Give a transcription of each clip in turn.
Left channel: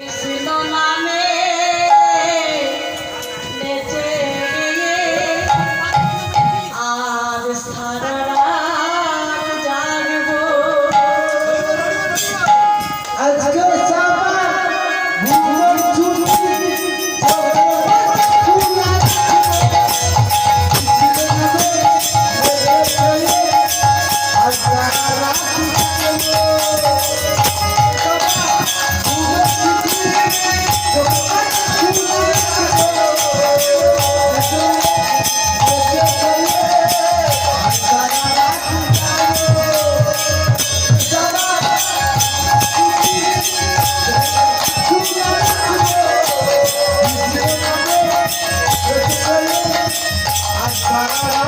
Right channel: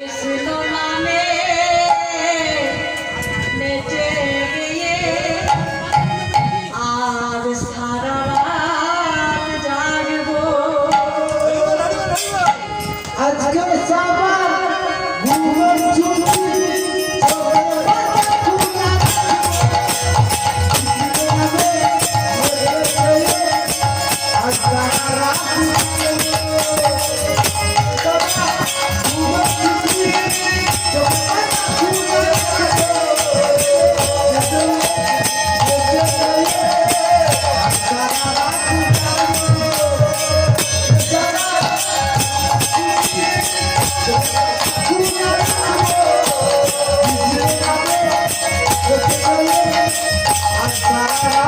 কৃষ্ণ নামে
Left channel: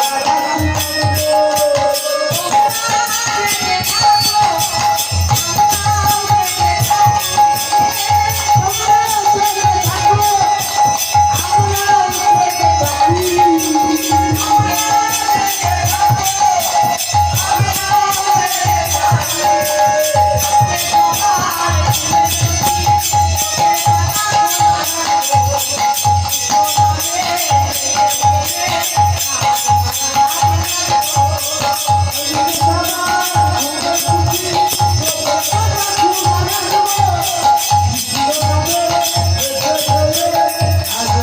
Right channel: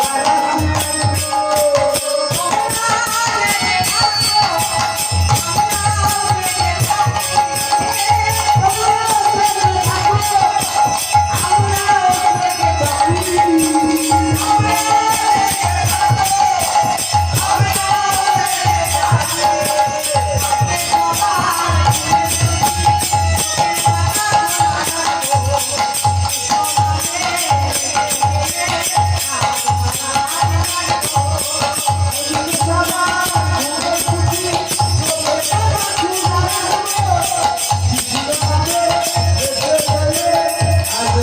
Thank you.